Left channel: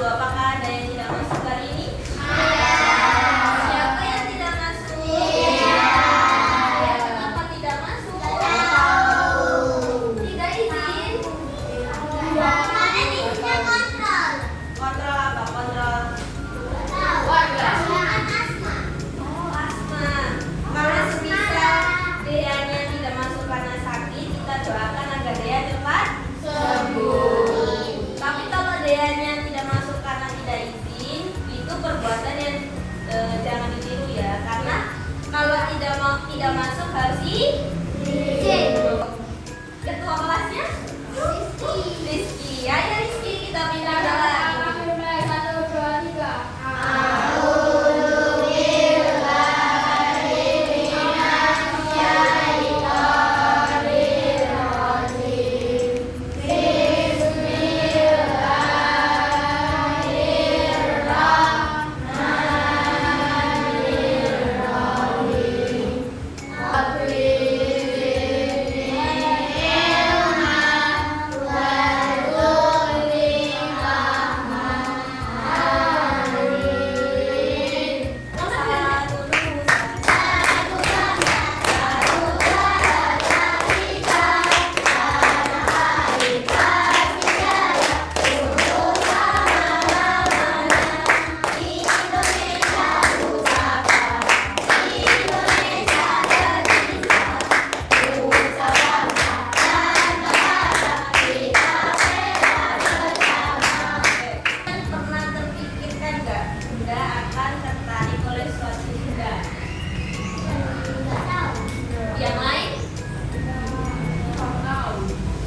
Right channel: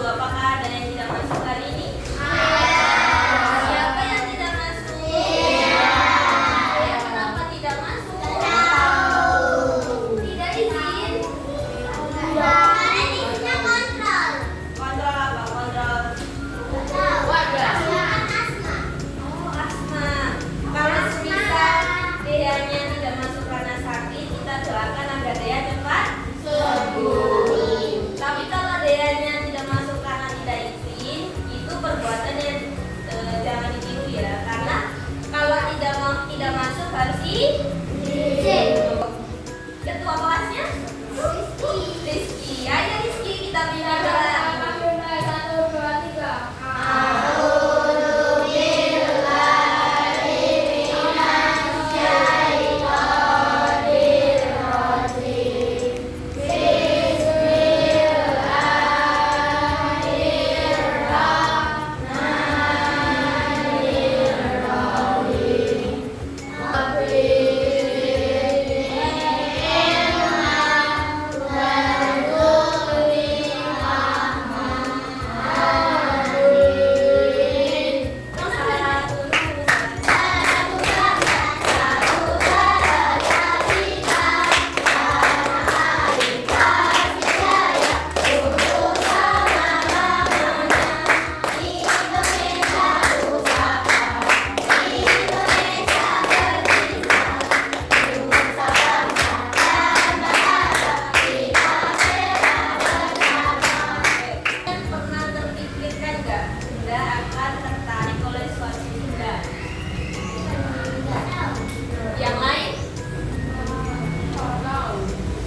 Apakah ada yang tidak masuk hari ini? Siapa yang tidak masuk? Ya, kenapa tidak masuk? Tidak izin? Kontrol apa? Kontrol? Oh, asma. Kalau semisal Deanya tidak masuk karena sakit, kita doakan agar Dea cepat sembuh. Tapi kalau Deanya tidak masuk karena tidak izin, itu perbuatan yang jangan ditiru ya. Karena kalau tidak masuk harus izin. Ketua kelasnya Rizky. Ayo Rizky, kita pindah doa. Pernah terpikirkan nggak Bunda akan tertarik oleh suatu benda? Yang lain?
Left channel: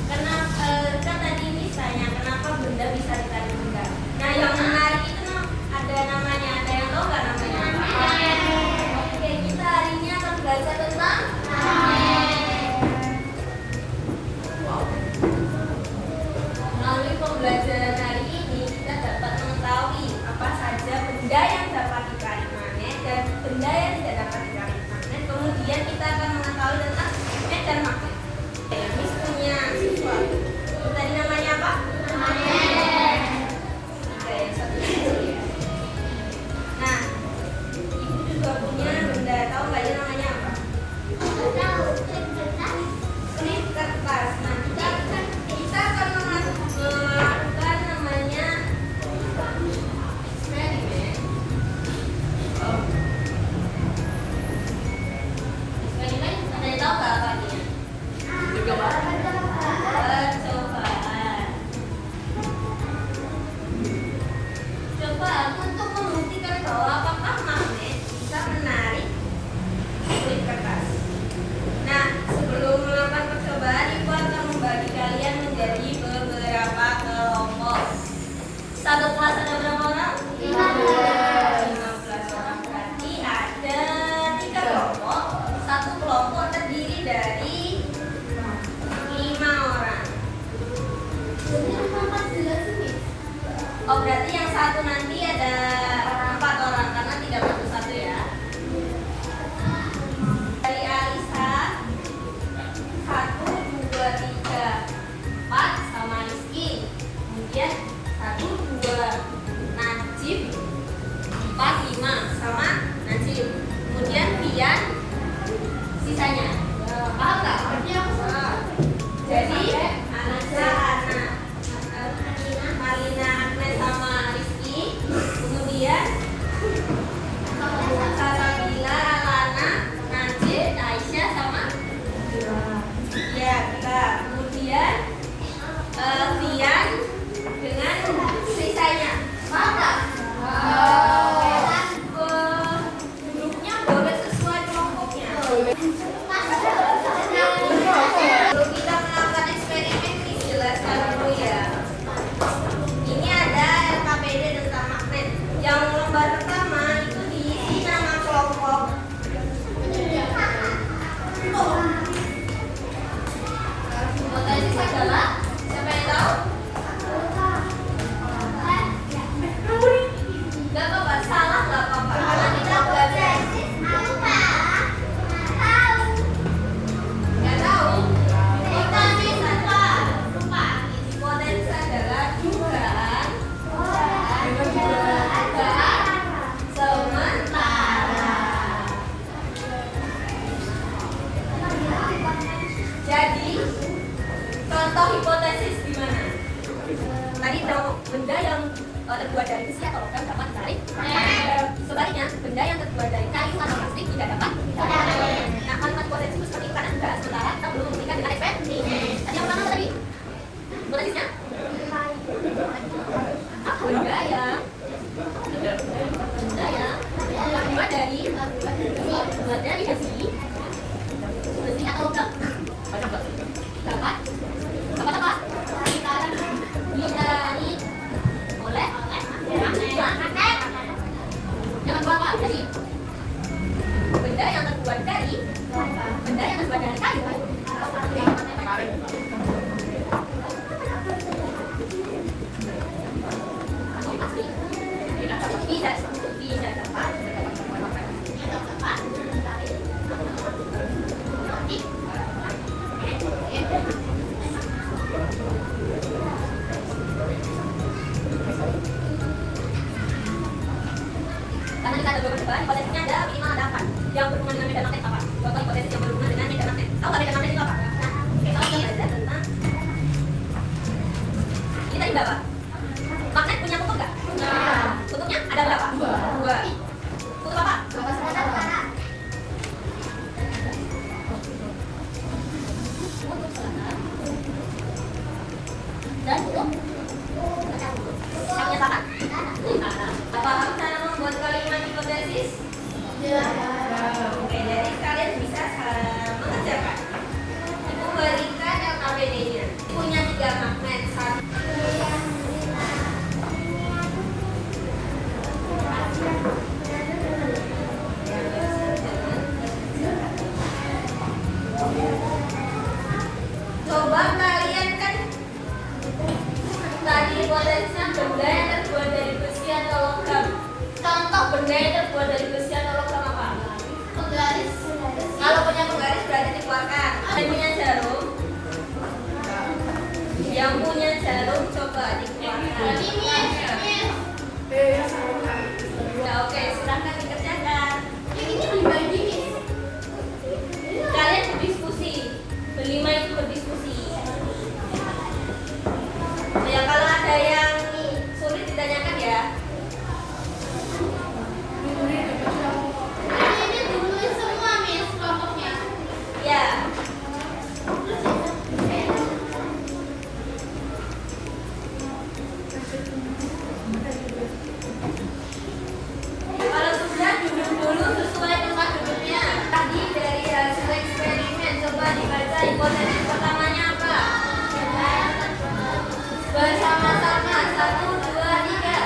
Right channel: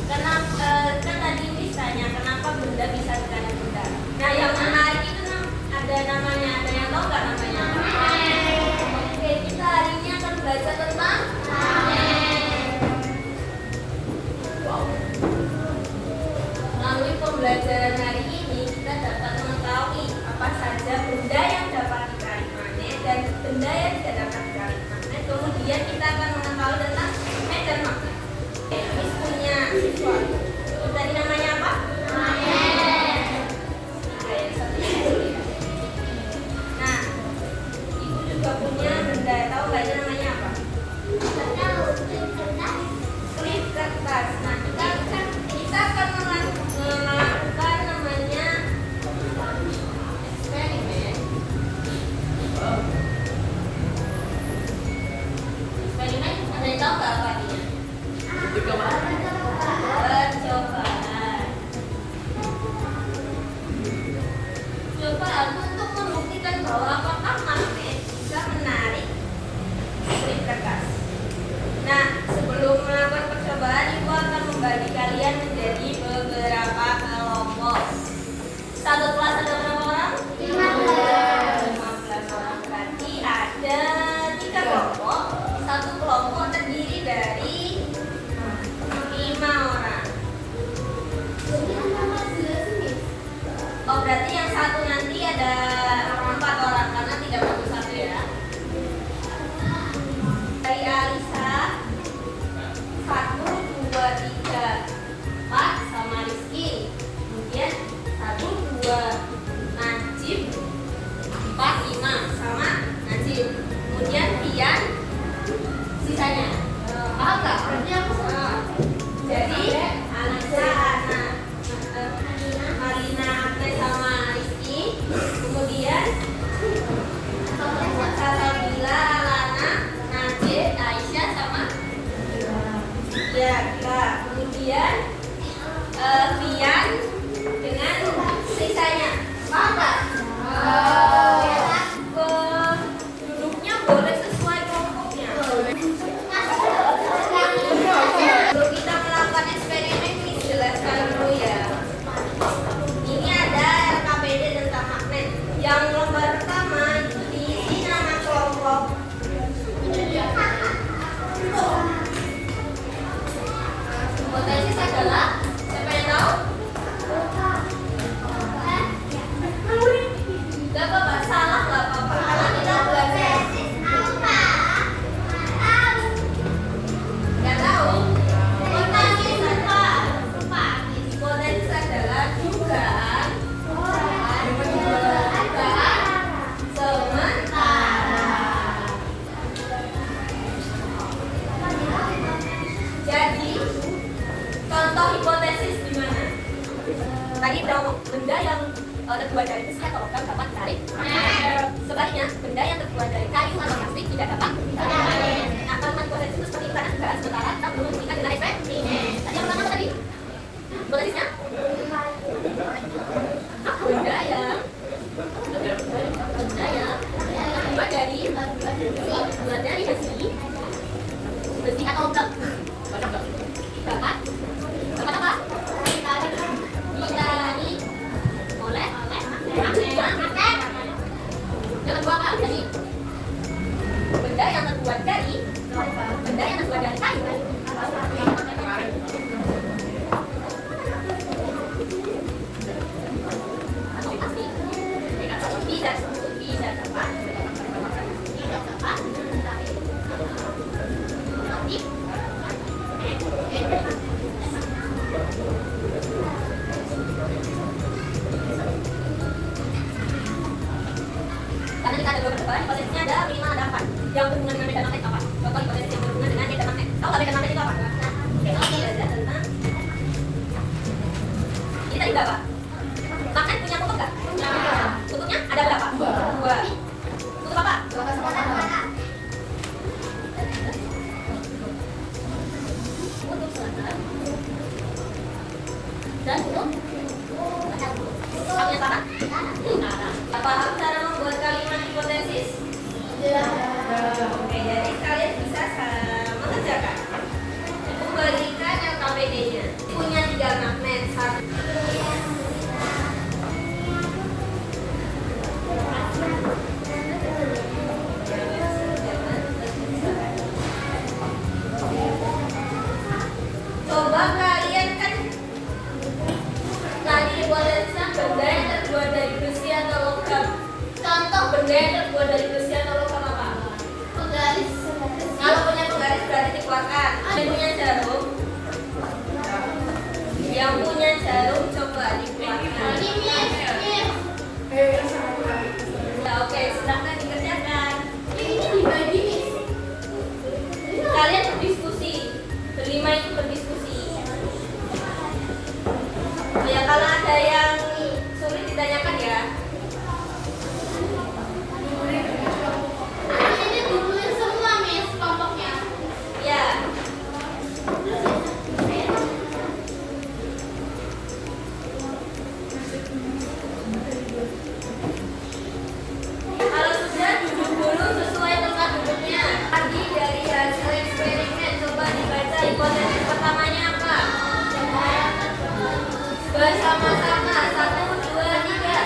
Kenapa? Kan tadi misalnya kenapa benda bisa ditarik benda? Nah, yang menarik itu ada namanya. Ada yang tahu nggak namanya? Oke, kita hari ini akan belajar tentang melalui pembelajaran hari ini kita dapat mengetahui apa saja benda yang dapat ditarik magnet dan benda yang tidak dapat ditarik magnet. Kemudian kita akan mengetahui tentang medan magnet. Miss punya sesuatu. Ini tadi namanya apa? Magnet. Yang satu ya. Nah, ibu juga punya benda. Tahu nggak ini namanya apa? Klip kertas. Nah, kita akan melakukan namanya eksperimen. Eksperimen, ada yang tahu nggak apa artinya? Percobaan. Cobaan untuk membuktikan bahwa apakah magnet bisa menarik klip kertas. Nah, sebelum melakukan percobaan, ibu akan membagi kalian menjadi beberapa kelompok. Satu kelas ada berapa orang? 15 orang. Berarti ada 3 kelompok. Satu kelompok terdiri dari 5 orang. Oh, berarti yang satu nanti ada 4 orang karena tidak masuk satu ya. Dari Alisa 1, 2, 3, 4 sama Rizky. Kemudian 1, 2 Najib, 4, 5 sama Najib. Kemudian Pian sisanya. Paham nggak? Jadi Alisa, Marina, Agnes sama Rizky Jadi benda yang terbuat dari besi atau logam dapat ditarik. Sebaliknya, benda yang terbuat dari kayu atau plastik tidak dapat ditarik. Nah, kalimat potensi itu seperti karena negara sementara kita belum membuktikan dengan efektif. Tadi yang pertama tadi, posisinya benda yang terbuat dari besi atau logam dapat apa? Ditarik oleh magnet. Jangan buang Kak. Jadi benda yang terbuat dari kayu. Bisa dapat karena kita ada beberapa percobaan, hipotesisnya ada 5 ada 4 yang berhubungan dengan medan magnet apa? Contoh hipotesis yang berhubungan dengan medan magnet. Tahu nggak medan magnet itu apa? Tentang ini tadi berapa? Magnet punya kutub nggak? Kutubnya ada berapa? 2. Kutub apa? Kutub selatan dan kutub punya saran? Paham cara membuat kalimat hipotesis? Oke, jadi kalian bisa mengerjakan. Kembalikan LKPD-nya. Punya 3 magnet. Coba kalian kan tadi hipotesisnya benda yang terbuat dari besi atau logam. Contoh benda yang terbuat dari besi atau logam apa? Penggaris. Kalau punya penggaris berarti dikeluarkan. Yang punya jarum. Yang punya jarum coba dikeluarkan. Nah, oke, silahkan dikerjakan. Ini dibagi. Kalian berdiskusi. Berlima itu berdiskusi. Ya, kalau ada yang sulit ditanyakan ya. Ini ditulis semua, Miss, kelompoknya. Ya. Kalau sudah duduk dulu sesuai tempat duduknya. Tadi dari hasil eksperimen coba dibaca hipotesis pertamanya apa? Bersama-sama 1, 2, 3.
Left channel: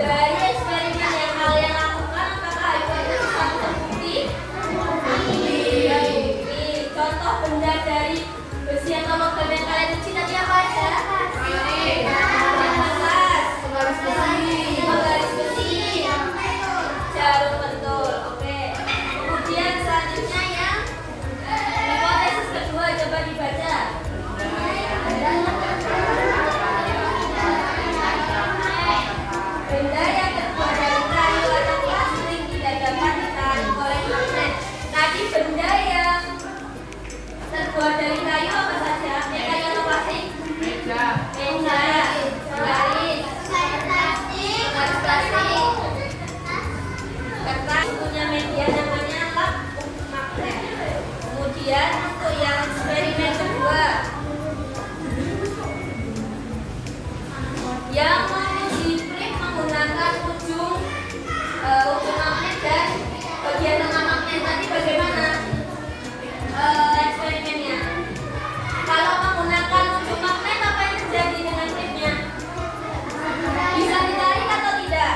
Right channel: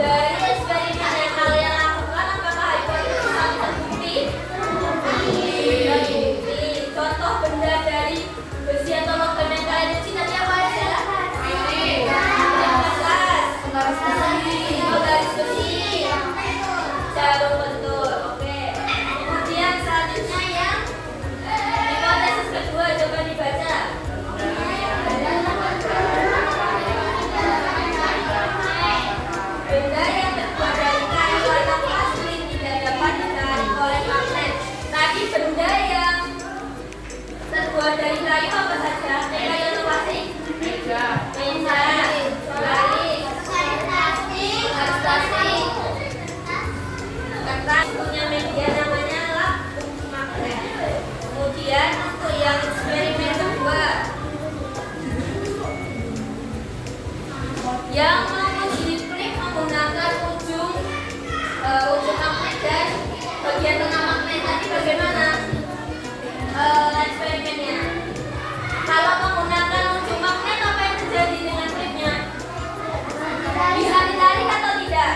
Dari eksperimen yang kalian lakukan, apakah hipotesis satu terbukti? Terbukti. Contoh benda dari besi atau logam yang kalian uji tadi apa aja? Penggaris besi. Jarum betul. Oke. Kemudian selanjutnya yang hipotesis kedua coba dibaca. Benda yang terbuat dari kayu atau plastik tidak dapat ditarik oleh magnet. Tadi benda yang terbuat dari kayu apa saja? Kayu atau plastik? Meja. Garis. Plastik. Kertas punya media namanya lap magnet. Kemudian untuk yang eksperimen kedua, yang menguji klik menggunakan ujung magnet dan bagian tengah magnet tadi bagaimana eksperimennya? Kalau menggunakan ujung magnet apa yang terjadi dengan klipnya? Bisa ditarik atau tidak?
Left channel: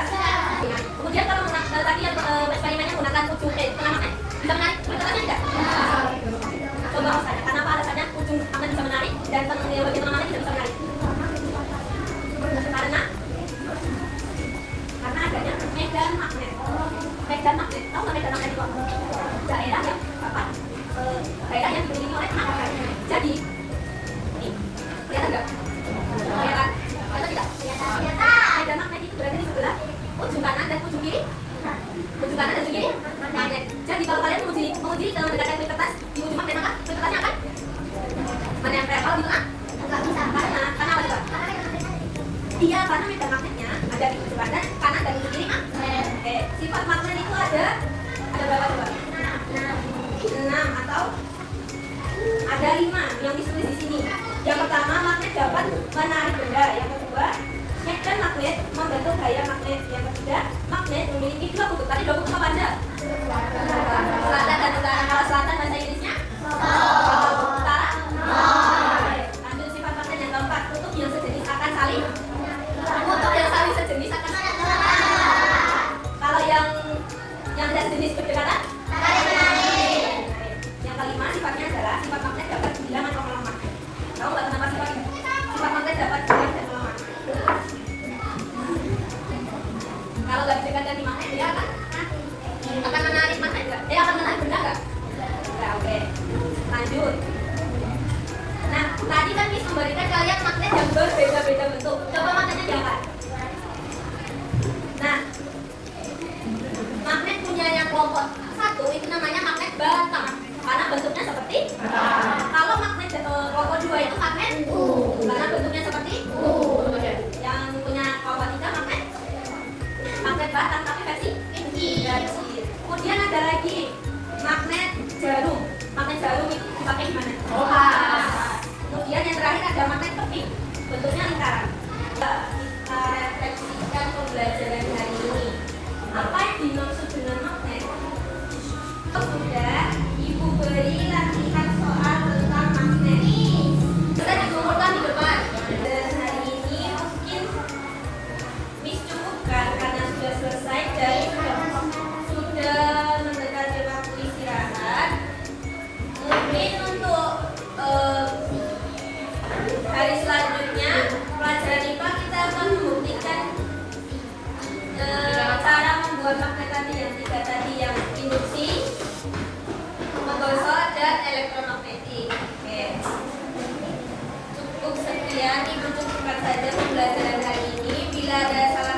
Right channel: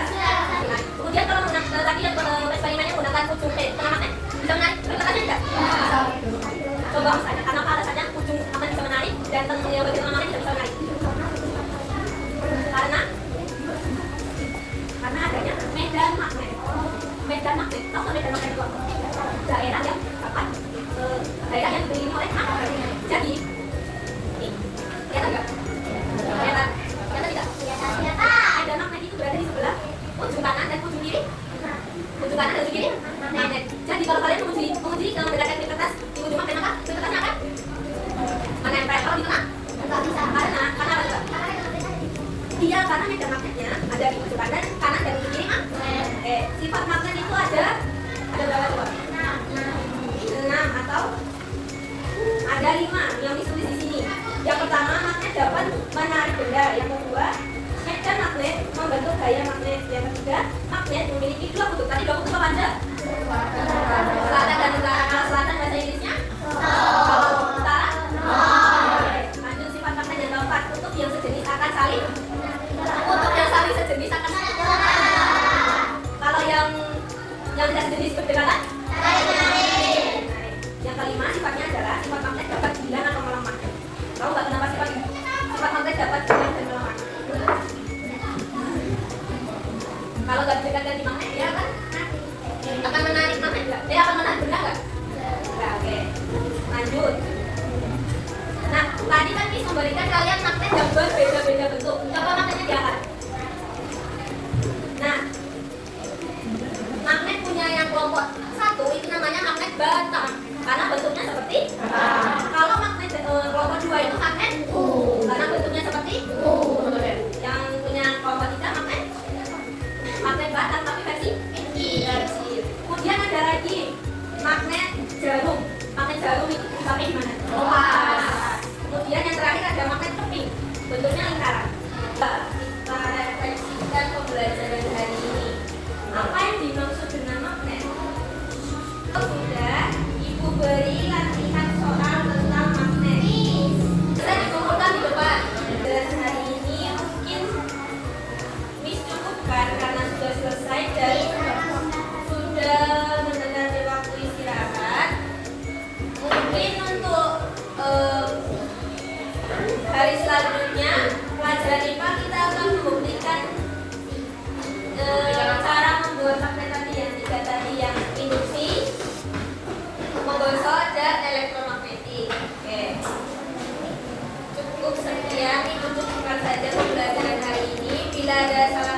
Nah, kemudian kalau tadi yang eksperimennya menggunakan ujung tengah magnet bisa menarik klip tengahnya tidak? Coba saja, karena apa alasannya ujung magnet bisa menarik dan bagian tengah magnet tidak bisa menarik? Karena adanya medan magnet. Medan magnet, tahu nggak medan magnet itu apa? Daerah yang apa? Daerah yang dikelilingi oleh magnet. Jadi, ini kelihatan nggak? Kelihatan? Kelihatan tidak? Medan magnet itu berada di sebelah ujung kanan dan ujung kiri. Ujung kanan dan ujung kiri sebelah kanan ada magnetnya, ada di ujung kanan dan ujung kiri magnet. Sifat magnet itu ada berapa coba? 6 atau ada 5 yang ditulis di sini. Yang pertama, magnet dapat menarik benda. Yang kedua, dan magnet membentuk gaya magnet. Yang ketiga, magnet memiliki dua kutub. Tadi dua kutub apa aja? Selatan dan utara. Kalau selatan bahasa Inggrisnya? Kalau utara? Lanjut, sifat magnet yang keempat, kutub yang sejenis akan saling sejenis akan saling. Kalau yang tidak sejenis berdekatan? Yang kelima, sifatnya adalah sifat magnet dapat hilang atau melemah. Tahu nggak kenapa sifat magnet dapat hilang dan melemah? Kalau nggak berdekatan di magnet, dia akan menarik magnet nggak? Akan menarik benda nggak? Nggak, oke. Lanjut. Nah, tadi kan Miss memberikan kalian magnet yang berbeda-beda bentuk. Coba magnetnya diangkat. Nah, magnet punya yang kelompok 1 itu namanya magnet batang karena bentuknya seperti kalau magnet kelompok 2 itu magnet karena bentuknya seperti yang punya kelompok 3 magnet batang tapi versi kecil. Kemudian ada lagi magnet jarum. Magnet jarum itu dipakai di mana? Kemudian yang terakhir ada magnet keping, bentuknya lingkaran. Kita refleksikan pembelajaran hari ini. Apa yang dimaksud dengan magnet? Sudah Ibu beri latihan soal tentang magnet. Bisa dikumpulkan di depan. Dan hari ini mungkin Miss cukupkan karena sudah selesai dan sudah mendekati waktu istirahat. Mungkin untuk hari selanjutnya pelajaran IPA kita akan membuktikan cara membuat magnet tadi yang 3 tadi, yang induksi, menggosok, dan elektromagnetik. Oke. Cukup sekian, Ibu cukupkan saja pembelajaran hari ini. Bila ada salah